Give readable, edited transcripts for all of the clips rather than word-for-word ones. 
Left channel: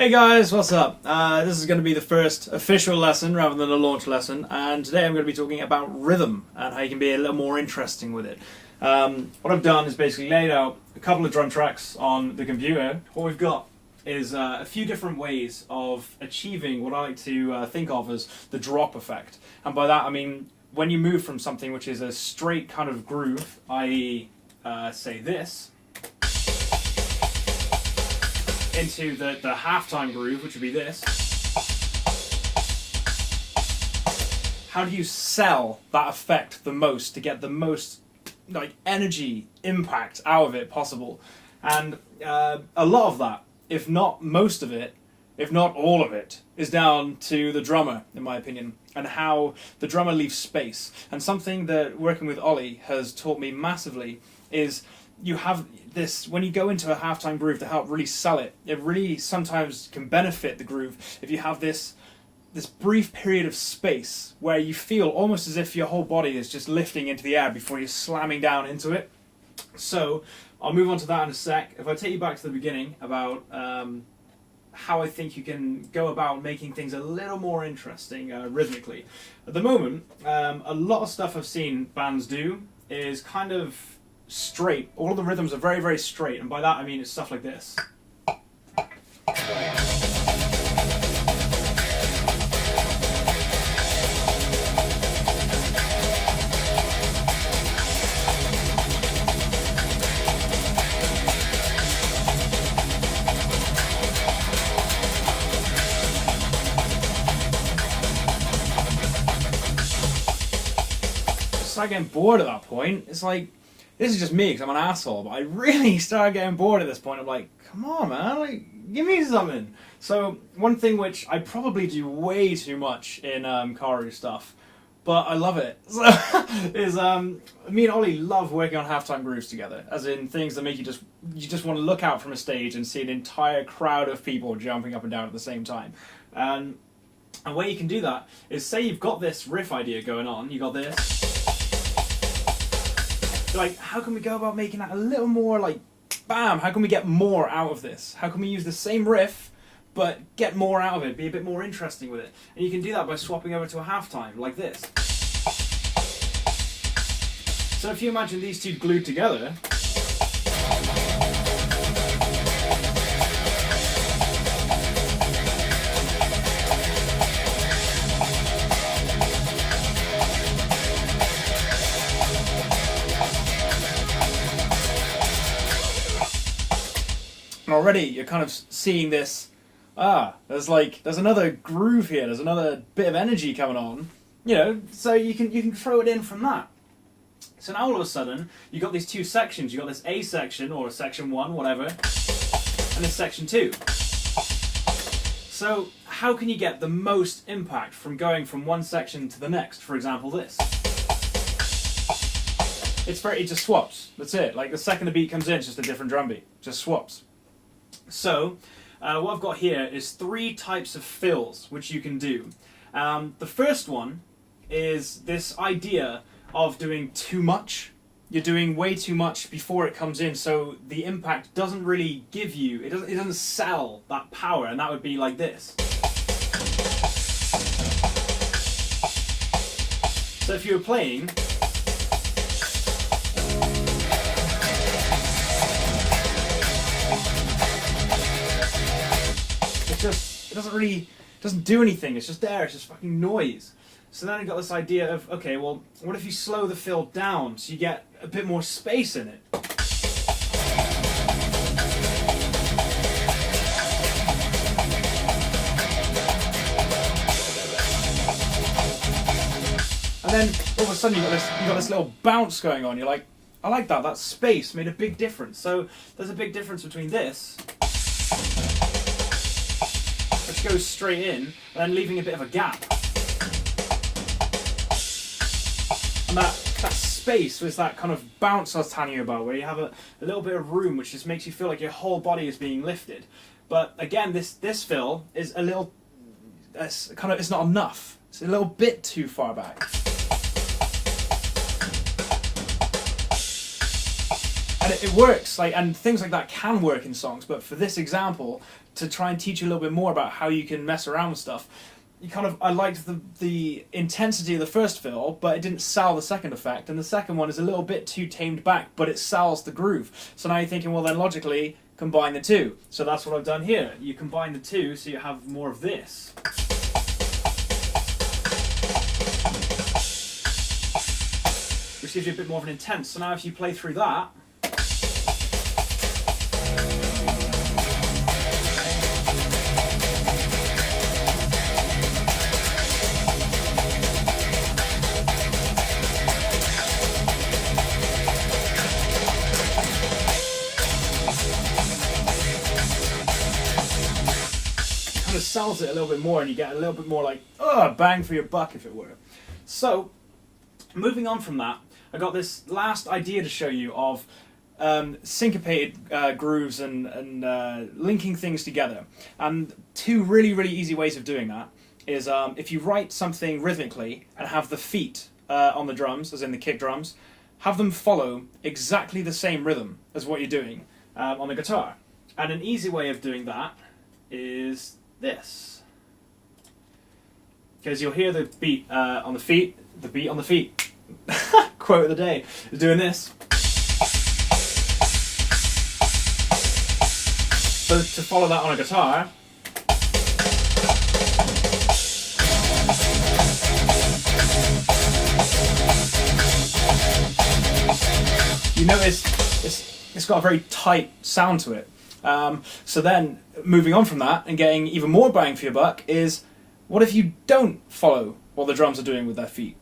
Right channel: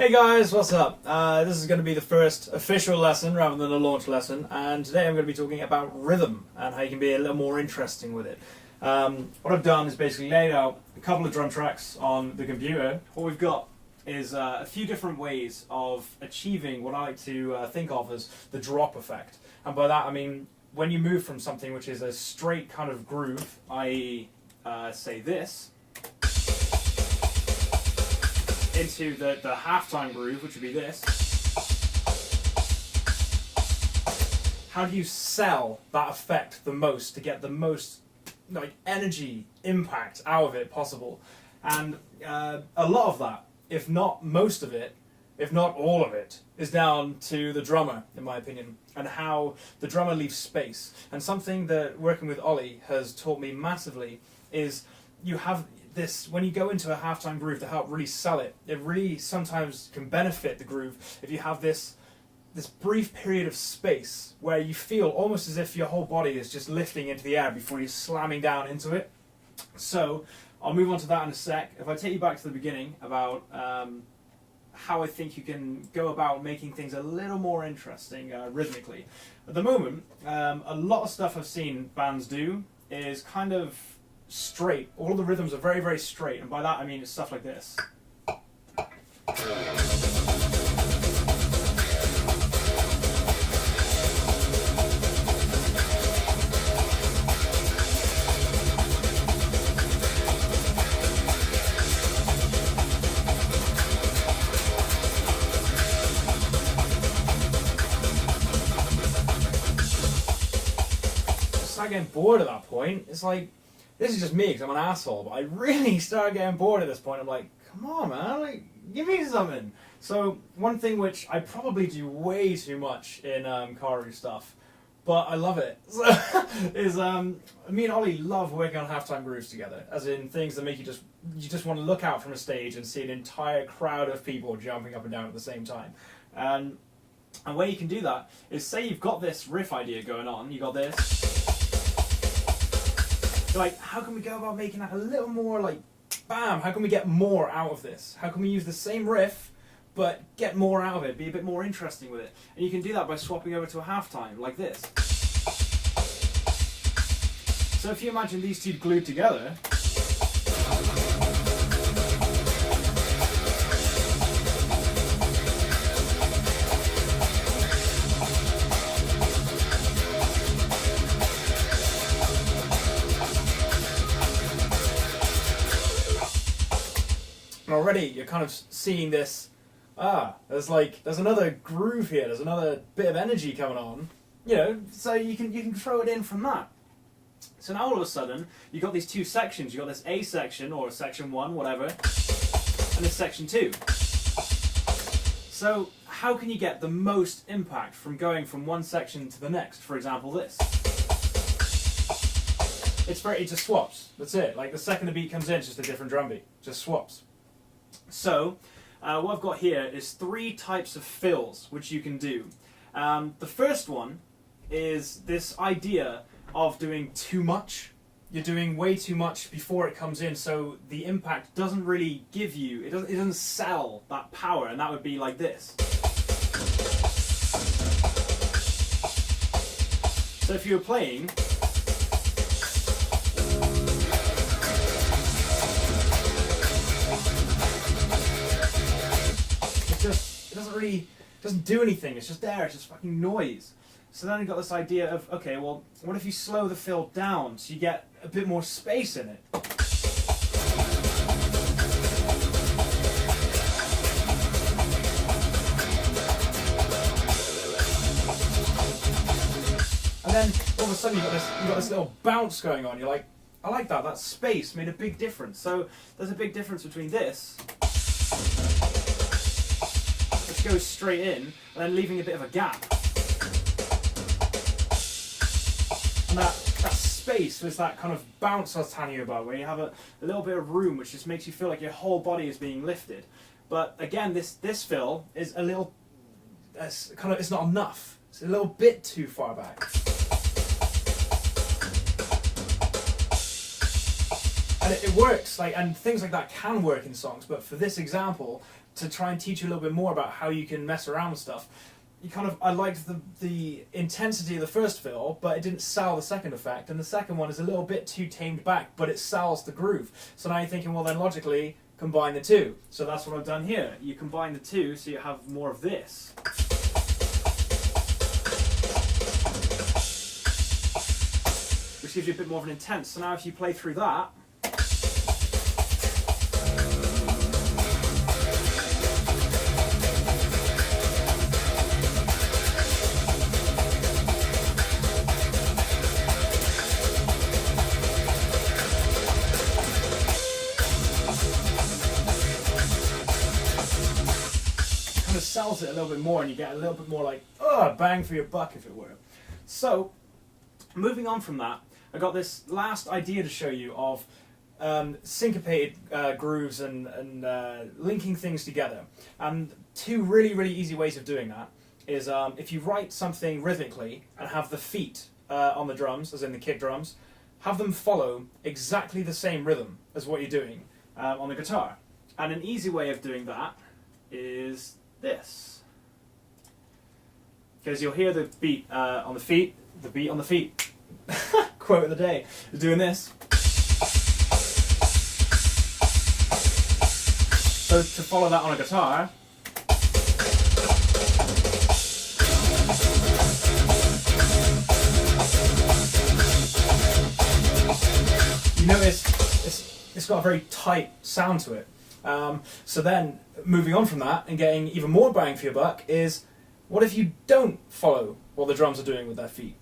Hey guys, what's up? This is going to be the first official lesson rather than a launch lesson, and today I'm going to be talking about rhythm and how you can be a little more interesting with it. What I've done is basically laid out a couple of drum tracks on the computer. What we've got is a few different ways of achieving what I like to think of as the drop effect. And by that I mean when you move from something which is a straight kind of groove, i.e. say this, into the halftime groove, which would be this. How do you sell that effect the most to get the most energy impact out of it possible? And a lot of that, if not most of it, if not all of it, is down to the drummer, in my opinion, and how the drummer leaves space. And something that working with Ollie has taught me massively is you have this, when you go into a halftime groove to help really sell it, it really sometimes can benefit the groove if you have this brief period of space where you feel almost as if your whole body is just lifting into the air before you're slamming down into it. So I'll move on to that in a sec. If I take you back to the beginning about how I think you can go about making things a little more interesting rhythmically. At the moment, a lot of stuff I've seen bands do is kind of straight. All of the rhythms are very, very straight, and by that I mean it's stuff like this. I start getting bored at that point. It's like, this is just me because I'm an asshole, but I really started getting bored at this point. I'm like, come on, man, give me something. So one thing which I probably do way too much in Karu stuff, but I love it, is me and Ollie love working on halftime grooves together, as in things that make you just want to look out from a stage and see an entire crowd of people jumping up and down at the same time. And where you can do that is, say you've got this riff idea going on, you got this. Like, how can we go about making that a little more bam, how can we get more out of this? How can we use the same riff, but get more out of it, be a bit more interesting with it? And you can do that by swapping over to a halftime, like this. So if you imagine these two glued together, already you're kind of seeing this, there's another groove here, there's another bit of energy coming on, so you can throw it in from that. So now all of a sudden you've got these two sections. You've got this A section, or section 1, whatever, and this section 2. So how can you get the most impact from going from one section to the next? For example, this. It just swaps, that's it. Like, the second the beat comes in, it's just a different drum beat, just swaps. So, what I've got here is 3 types of fills which you can do. The first one is this idea of doing too much. You're doing way too much before it comes in, so the impact doesn't really give you, it doesn't sell that power, and that would be like this. So if you were playing, it doesn't do anything, it's just there, it's just fucking noise. So then I got this idea of, okay, well, what if you slow the fill down so you get a bit more space in it? And then all of a sudden you got this little bounce going on. You're like, I like that, that space made a big difference. So there's a big difference between this, which goes straight in, and then leaving a bit of a gap. And that space was that kind of bounce I was telling you about, where you have a little bit of room which just makes you feel like your whole body is being lifted. But again, this fill is a little, it's not enough. It's a little bit too far back. And it works, and things like that can work in songs, but for this example, to try and teach you a little bit more about how you can mess around with stuff. I liked the intensity of the first fill, but it didn't sell the second effect, and the second one is a little bit too tamed back, but it sells the groove. So now you're thinking, well then logically, combine the two. So that's what I've done here. You combine the two so you have more of this. Which gives you a bit more of an intense. So now if you play through that, kind of sells it a little bit more, and you get a little bit more like, bang for your buck, if it were. So, moving on from that, I got this last idea to show you of syncopated grooves and linking things together. And two really, really easy ways of doing that is if you write something rhythmically and have the feet on the drums, as in the kick drums, have them follow exactly the same rhythm as what you're doing on the guitar. And an easy way of doing that is this. Because you'll hear the beat on the feet, the beat on the feet. Quote of the day is doing this. So to follow that on a guitar, you notice it's got a very tight sound to it. So then moving on from that and getting even more bang for your buck is, what if you don't follow what the drums are doing with their feet?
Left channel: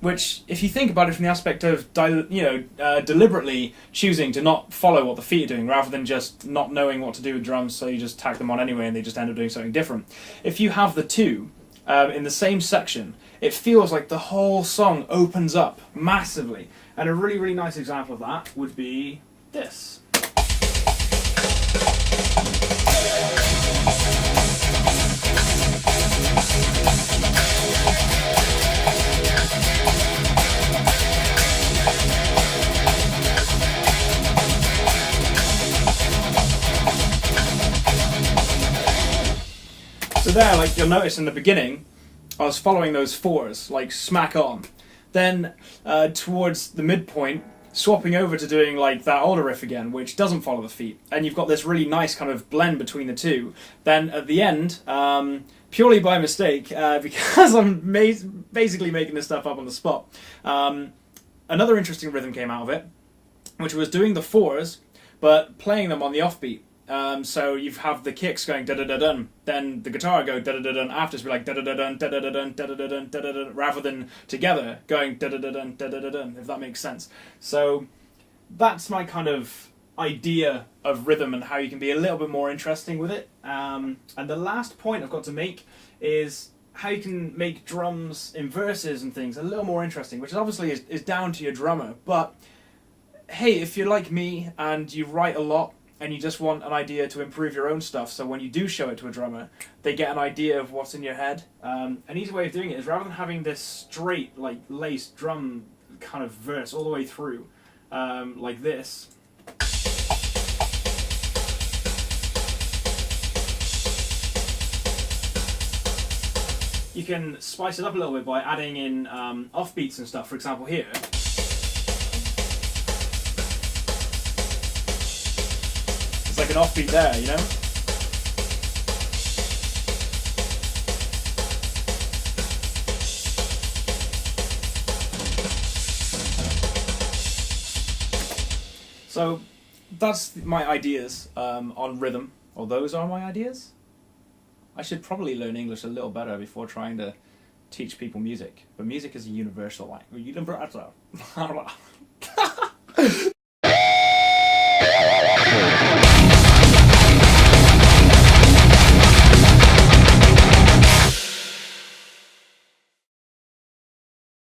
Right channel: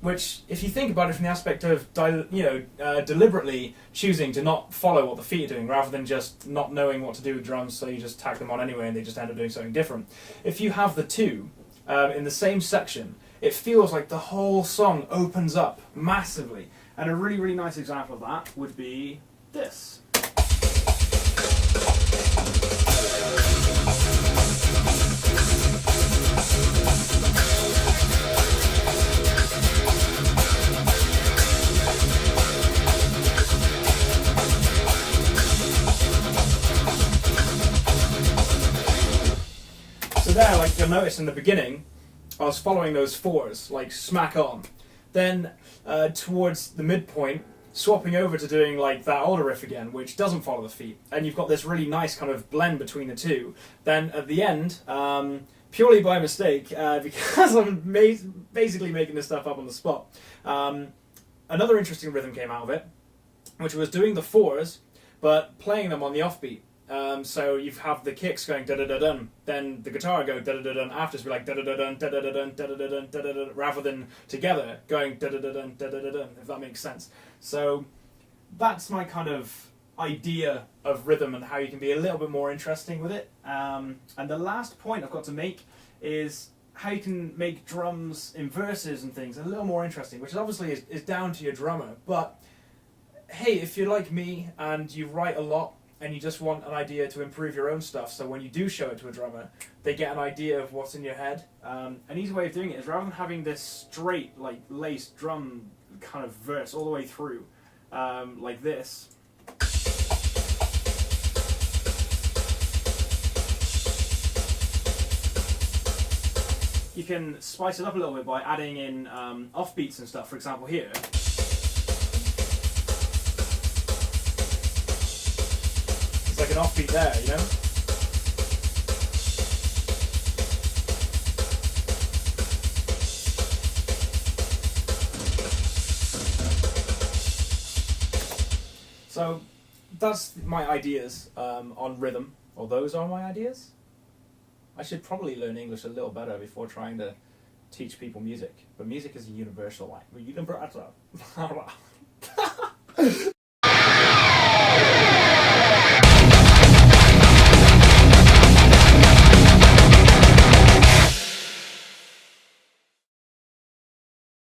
Which, if you think about it from the aspect of deliberately choosing to not follow what the feet are doing, rather than just not knowing what to do with drums, so you just tack them on anyway and they just end up doing something different. If you have the two in the same section, it feels like the whole song opens up massively. And a really, really nice example of that would be this. So there, like you'll notice in the beginning, I was following those fours, like smack on. Then towards the midpoint, swapping over to doing like that older riff again, which doesn't follow the feet. And you've got this really nice kind of blend between the two. Then at the end, purely by mistake, because I'm basically making this stuff up on the spot, another interesting rhythm came out of it, which was doing the fours, but playing them on the offbeat. So you have the kicks going da da da dun, then the guitar go da da da dun after, to be like da da da dun da da da dun da da da dun da da da, rather than together going da da da dun da da da dun, if that makes sense. So that's my kind of idea of rhythm and how you can be a little bit more interesting with it. And the last point I've got to make is how you can make drums in verses and things a little more interesting, which obviously is down to your drummer. But hey, if you're like me and you write a lot and you just want an idea to improve your own stuff, so when you do show it to a drummer, they get an idea of what's in your head. An easy way of doing it is, rather than having this straight, like laced drum kind of verse all the way through, like this, you can spice it up a little bit by adding in offbeats and stuff. For example, here. It's like an offbeat there, you know? So that's my ideas on rhythm, or those are my ideas. I should probably learn English a little better before trying to teach people music, but music is a universal language.